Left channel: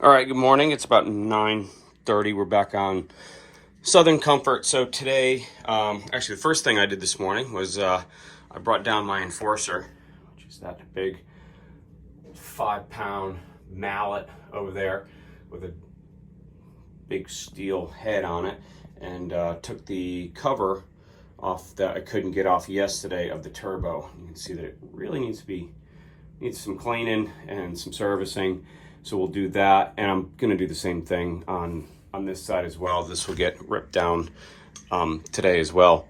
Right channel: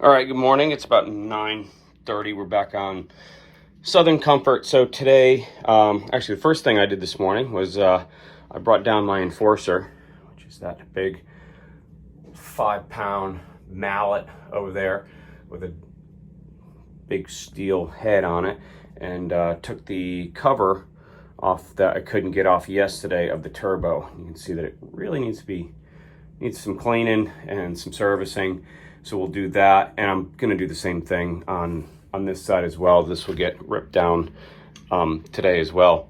All right, good morning. It's about 9:30. We're back on Southern Comfort. So today, actually the first thing I did this morning was I brought down my Enforcer, which is that big 5-pound mallet over there with a big steel head on it, and took the cover off that I couldn't get off yesterday of the turbo. You can see that it really needs some cleaning and some servicing. So we'll do that, and I'm gonna do the same thing on this side as well. This will get ripped down today as well.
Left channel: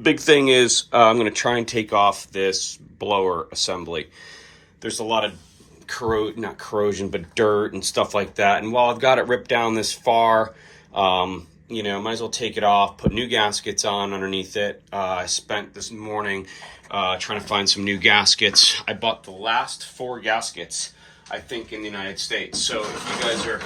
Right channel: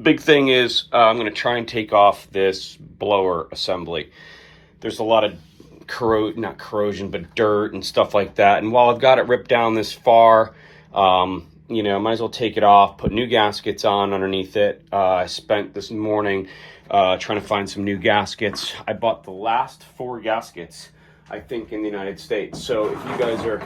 Big thing is I'm gonna try and take off this blower assembly. There's a lot of not corrosion, but dirt and stuff like that. And while I've got it ripped down this far, might as well take it off, put new gaskets on underneath it. I spent this morning trying to find some new gaskets. I bought the last 4 gaskets, I think, in the United States. So if you guys are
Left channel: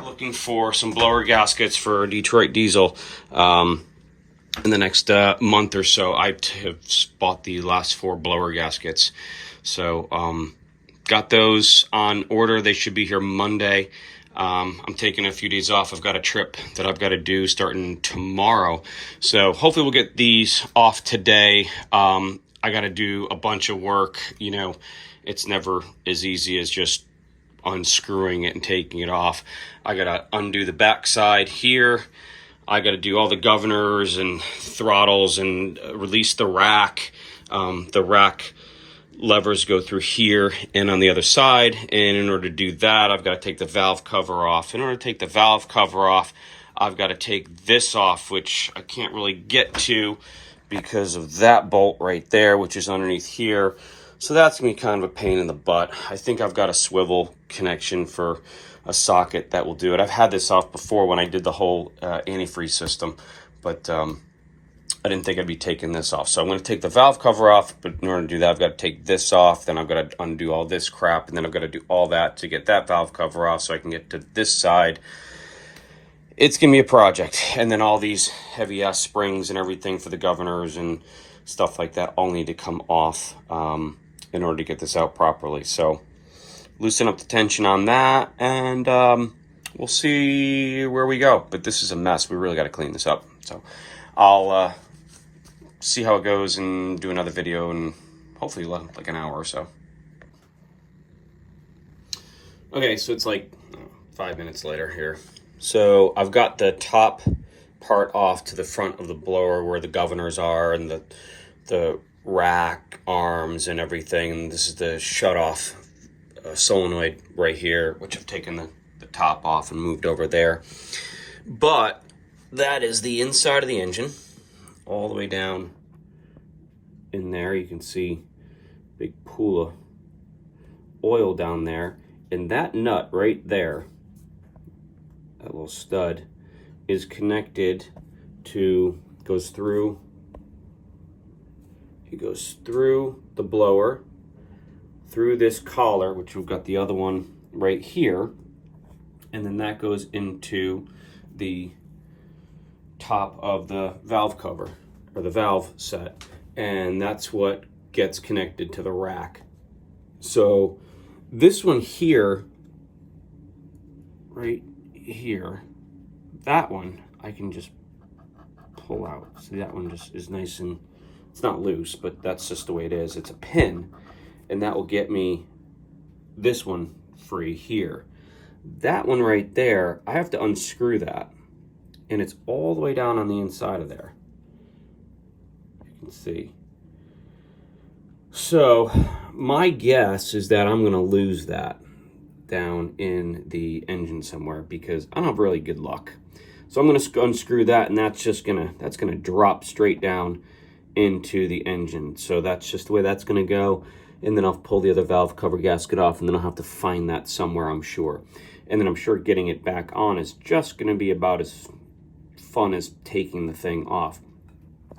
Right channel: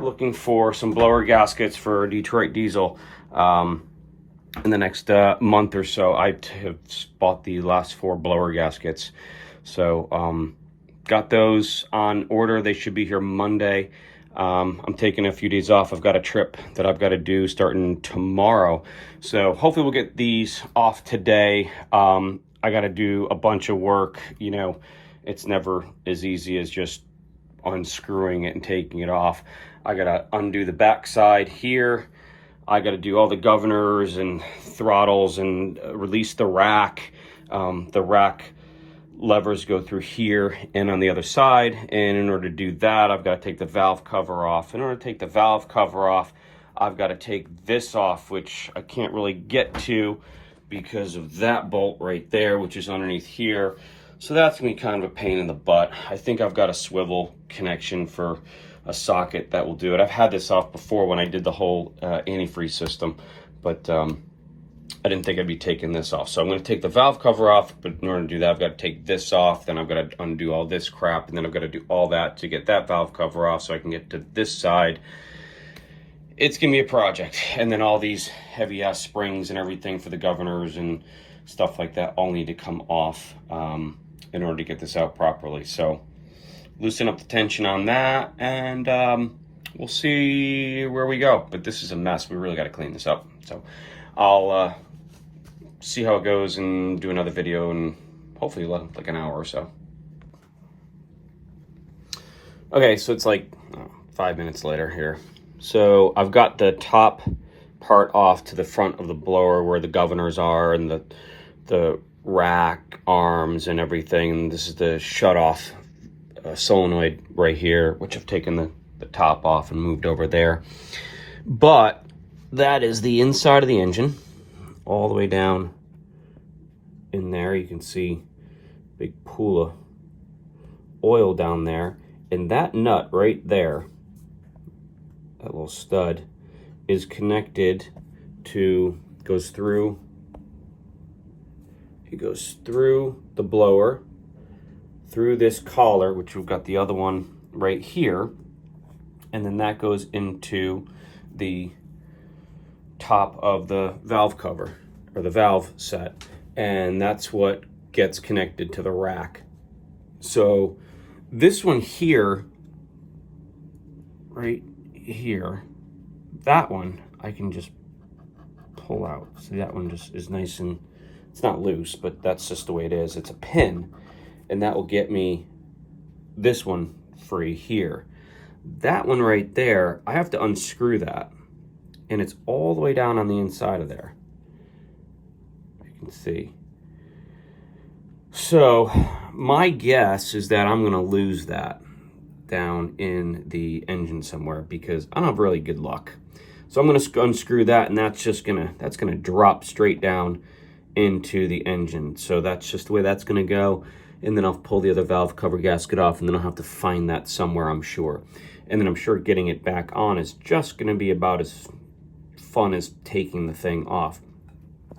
looking for some blower gaskets for Detroit diesel in the next month or so, I have bought the last 4 blower gaskets. So got those on order. They should be here Monday. I'm taking a few days off. I've got a trip that I've got to do starting tomorrow. So hopefully we'll get these off today. I got to do a bunch of work. It's never as easy as just unscrewing it and taking it off. I got to undo the backside here. I got to do all the governors and throttles and release the rack. The rack levers go through here and on the other side. And in order to do that, I've got to take the valve cover off. In order to take the valve cover off, I've got to take this off, which I can't really get to because of that bolt right there, which is underneath here. So that's going to be kind of a pain in the butt. I think I've got a swivel connection for a socket that will do it. I've had this off before when I did the whole antifreeze system, but I didn't think I'd be taking this off. So I'm going to take the valve cover off, but in order to do that, I've got to take this off. Then I've got to undo all this crap, and then I've got to do all that to get that valve cover off so I can get to this side. It's going to be a project. And then all these heavy-ass springs and everything for the governors and stuff like that all need to come off in order to get this out properly. So loosen up the tension on that, and we'll see where we go. But this is a mess. We really got to clean this up. So I'll see how it goes and do another video in hopefully like an hour or so. Okay, so it's like 5 minutes later here. So I've got the top part off to the front of the blower where the governors are and the rack arms and everything. And this is the shut-off solenoid right here, which I've taken the top off and moved over there. But that is the inside of the engine, all the way down in there. You can see a big pool of oil down there. And that nut right there, that little stud, is connected to, goes through the blower, through this collar, which we've got the other one right here, and then that goes into the top of the valve cover, or the valve set, and that's what gets connected to the rack. So this one here, right here, that one I can just pull out. See, that one just is nice, and it's not loose, but that's just the way it is. It's a pin, and that will get me this one free here. That one right there, I have to unscrew that, and it's all the way down on the inside of there. You can see. So my guess is that I'm going to lose that down in the engine somewhere because I don't have really good luck. So I'm going to unscrew that, and that's going to drop straight down into the engine. So that's just the way that's going to go. And then I'll pull the other valve cover gasket off, and then I'll have to find that somewhere, I'm sure. And then I'm sure getting it back on is just going to be about as fun as taking the thing off.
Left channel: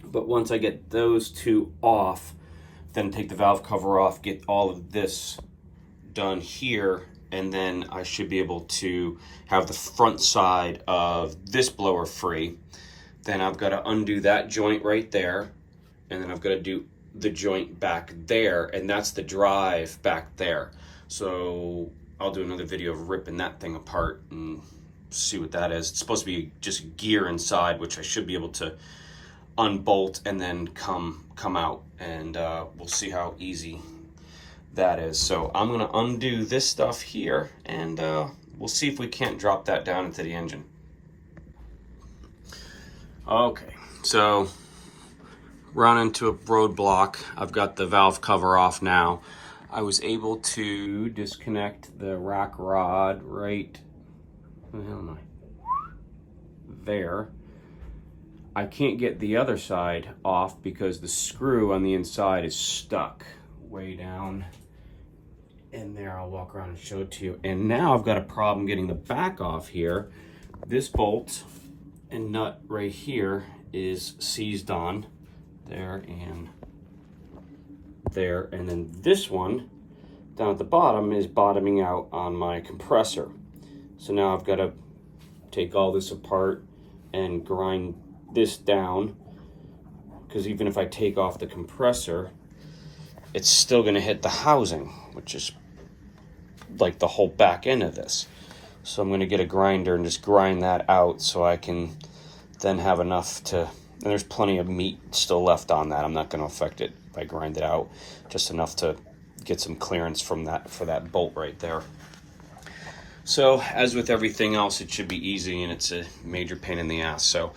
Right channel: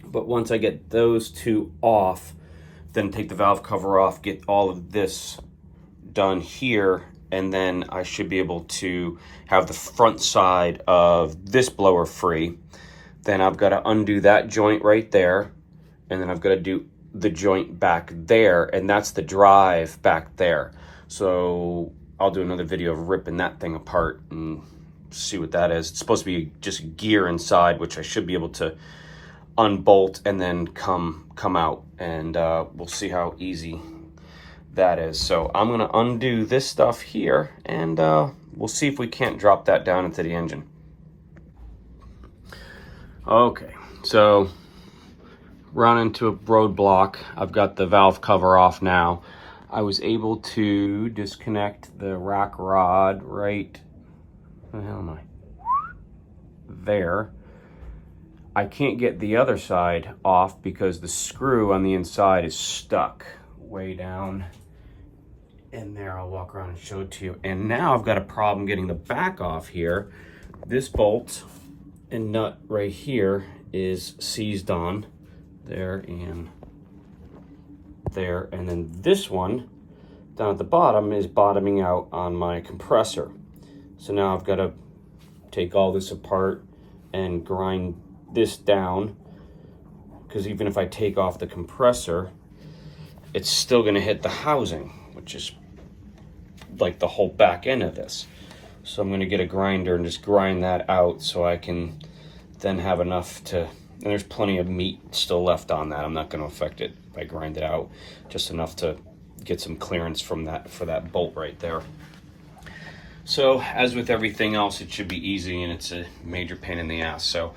But once I get those two off, then take the valve cover off, get all of this done here, and then I should be able to have the front side of this blower free. Then I've got to undo that joint right there, and then I've got to do the joint back there, and that's the drive back there. So I'll do another video of ripping that thing apart and see what that is. It's supposed to be just gear inside, which I should be able to unbolt and then come out, and we'll see how easy that is. So I'm gonna undo this stuff here, and we'll see if we can't drop that down into the engine. Okay, so run into a roadblock. I've got the valve cover off now. I was able to disconnect the rack rod right, where the hell am I? There. I can't get the other side off because the screw on the inside is stuck way down in there. I'll walk around and show it to you. And now I've got a problem getting the back off here. This bolt and nut right here is seized on there and there, and then this one down at the bottom is bottoming out on my compressor. So now I've got to take all this apart and grind this down, because even if I take off the compressor, it's still going to hit the housing, which is like the whole back end of this. So I'm going to get a grinder and just grind that out so I can then have enough to, and there's plenty of meat still left on that. I'm not going to affect it if I grind it out, just enough to get some clearance from that, for that bolt right there. So as with everything else, it should be easy, and it's a major pain in the ass. So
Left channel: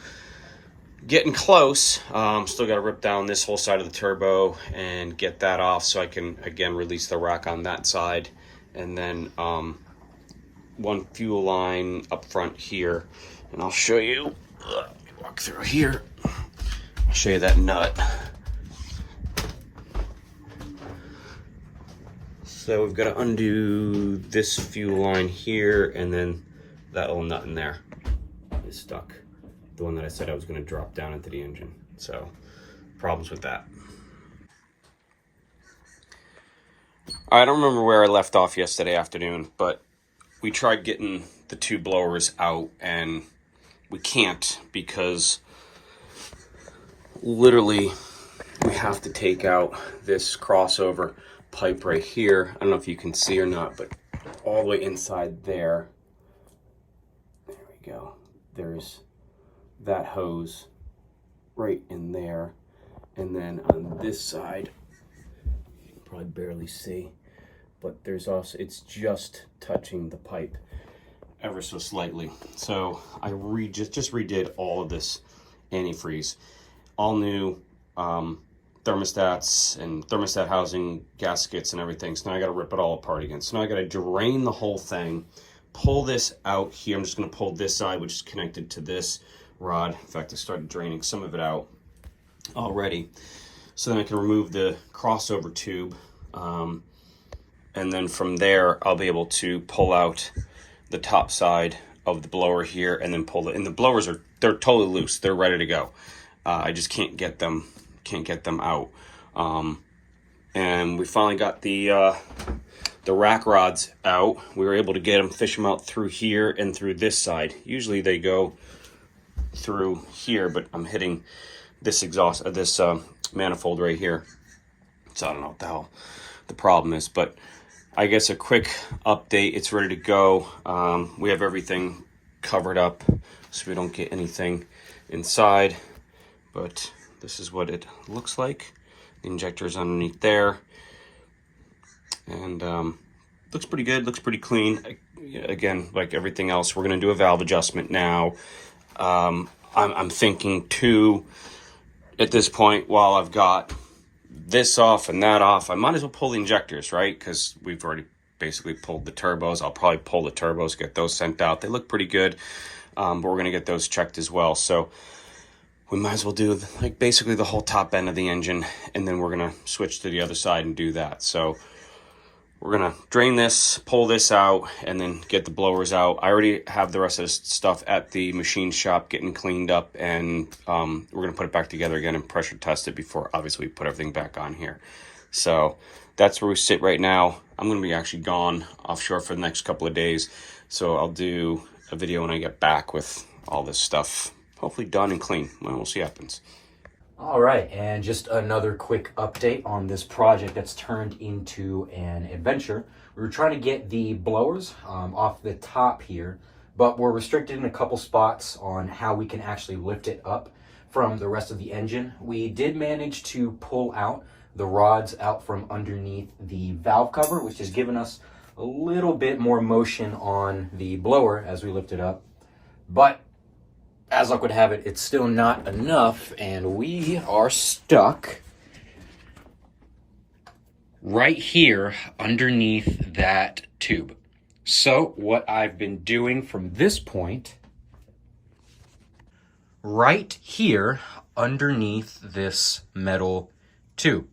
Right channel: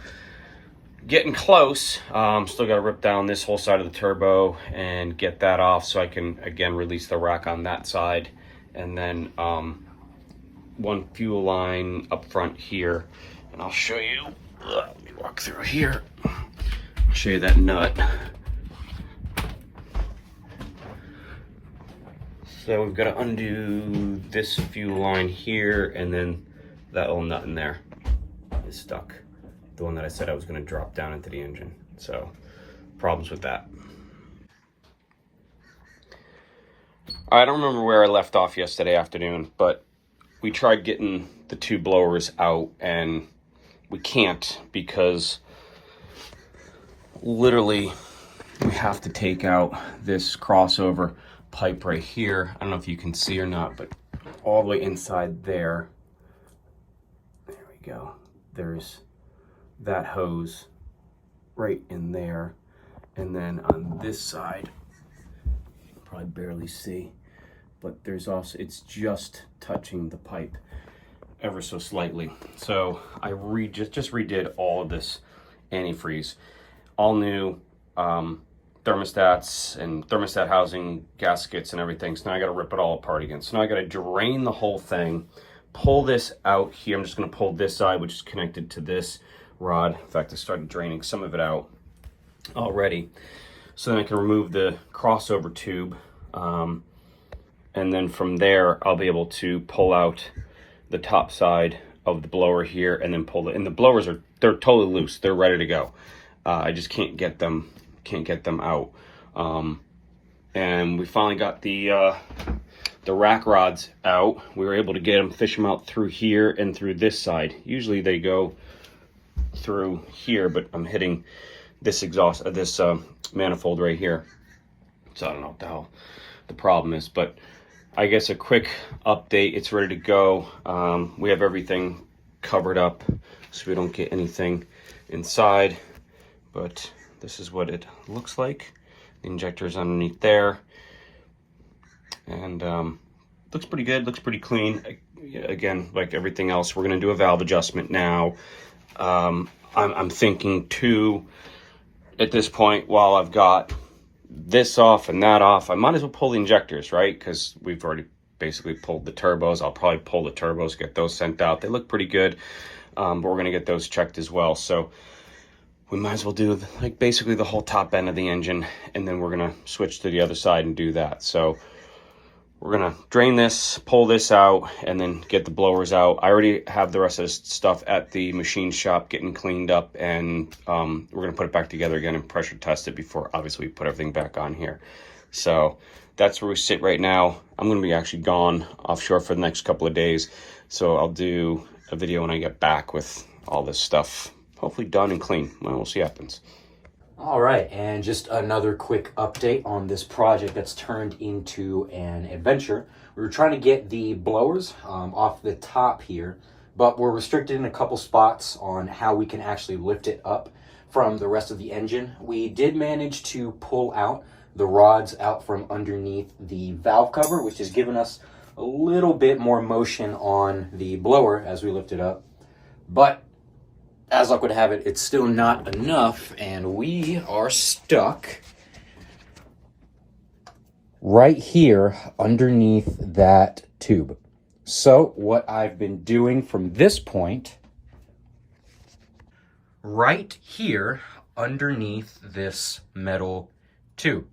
getting close. Still got to rip down this whole side of the turbo and get that off so I can again release the rack on that side, and then one fuel line up front here, and I'll show you. Let me walk through here. I'll show you that nut. So we've got to undo this fuel line here, and then that little nut in there is stuck. The one that I said I was going to drop down into the engine. So problems with that. I don't remember where I left off yesterday afternoon, but we tried getting the two blowers out, and we can't, because literally we have to take out this crossover pipe right here. I don't know if you can see or not, but all the way inside there, there we go, there's that hose right in there. And then on this side, you can probably barely see, but there's also, it's just touching the pipe ever so slightly. So I just redid all of this antifreeze, all new thermostats and thermostat housing gaskets and everything. So now I got to rip it all apart again. So now I got to drain the whole thing, pull this out here. I'm just going to pull this side, which is connected to this rod. In fact, I started draining some of it out already. So then I can remove the crossover tube. And then from there, I'll be able to pull out the top side of the blower here and then pull it. And the blowers they're totally loose. They're ready to go. I just can't get them out. And we finally got the rack rods out. We were able to get them, fish them out through here and through this side. Usually they go through here, but I'm hitting this manifold right here. So I don't know what the hell the problem is, but I guess a quick update. It's ready to go. We have everything covered up so we don't get anything inside, but this is what it looks like. The injector is underneath there, and looks pretty good, looks pretty clean. Again, like everything else, we're gonna do a valve adjustment now. I'm thinking too, at this point, while I've got this off and that off, I might as well pull the injectors, right? Because we've already basically pulled the turbos. I'll probably pull the turbos, get those sent out. They look pretty good, but we're gonna get those checked as well. So we might as well do like basically the whole top end of the engine, and then we're gonna switch to the other side and do that. So we're gonna drain this, pull this out, and then get the blowers out. I already have the rest of this stuff at the machine shop getting cleaned up, and we're gonna put it back together again and pressure test it before obviously we put everything back on here. So that's where we sit right now. I'm gonna be actually gone offshore for the next couple of days, so I'll do a video when I get back with all this stuff hopefully done and clean. Well, we'll see what happens. All right, and just another quick update on this project that's turned into an adventure. We were trying to get the blowers off the top here, but we're restricted in a couple spots on how we can actually lift it up from the rest of the engine. We did manage to pull out the rods out from underneath the valve cover, which has given us a little bit more motion on the blower as we lift it up. But as luck would have it, it's still not enough, and we are stuck right here underneath that tube. So what I've been doing from this point, right here underneath this metal tube.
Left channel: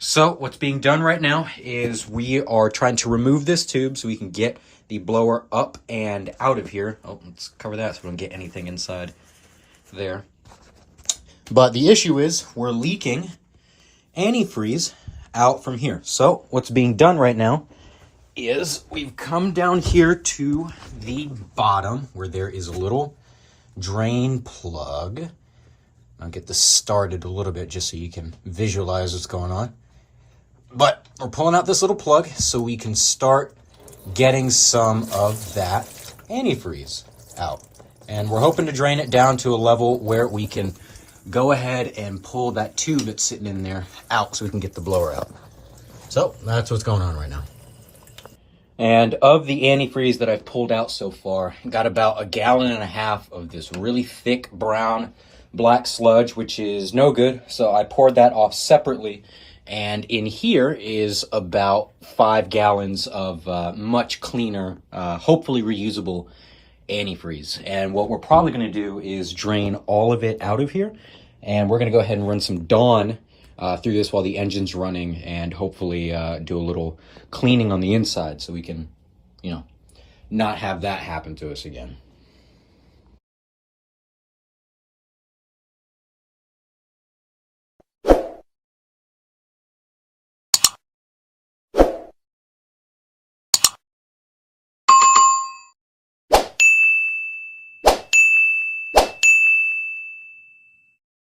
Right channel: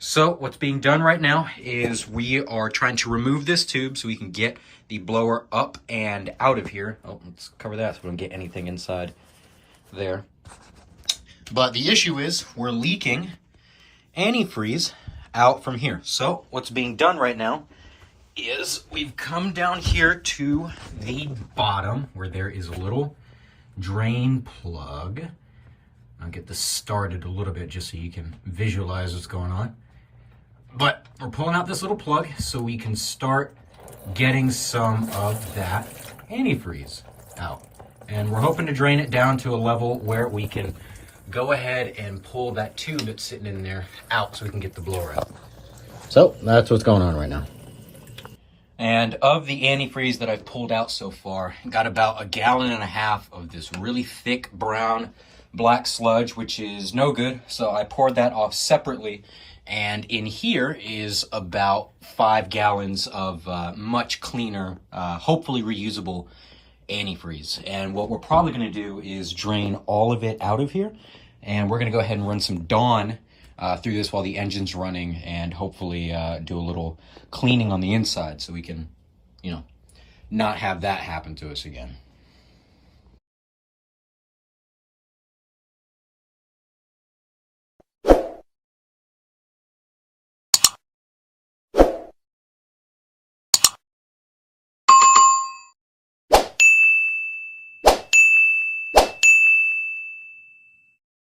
So what's being done right now is we are trying to remove this tube so we can get the blower up and out of here. Oh, let's cover that so we don't get anything inside there. But the issue is we're leaking antifreeze out from here. So what's being done right now is we've come down here to the bottom where there is a little drain plug. I'll get this started a little bit just so you can visualize what's going on. But we're pulling out this little plug so we can start getting some of that antifreeze out. And we're hoping to drain it down to a level where we can go ahead and pull that tube that's sitting in there out so we can get the blower out. So that's what's going on right now. And of the antifreeze that I've pulled out so far, got about 1.5 gallons of this really thick brown black sludge, which is no good. So I poured that off separately. And in here is about 5 gallons of much cleaner, hopefully reusable antifreeze. And what we're probably going to do is drain all of it out of here. And we're going to go ahead and run some Dawn through this while the engine's running, and hopefully do a little cleaning on the inside so we can, you know, not have that happen to us again.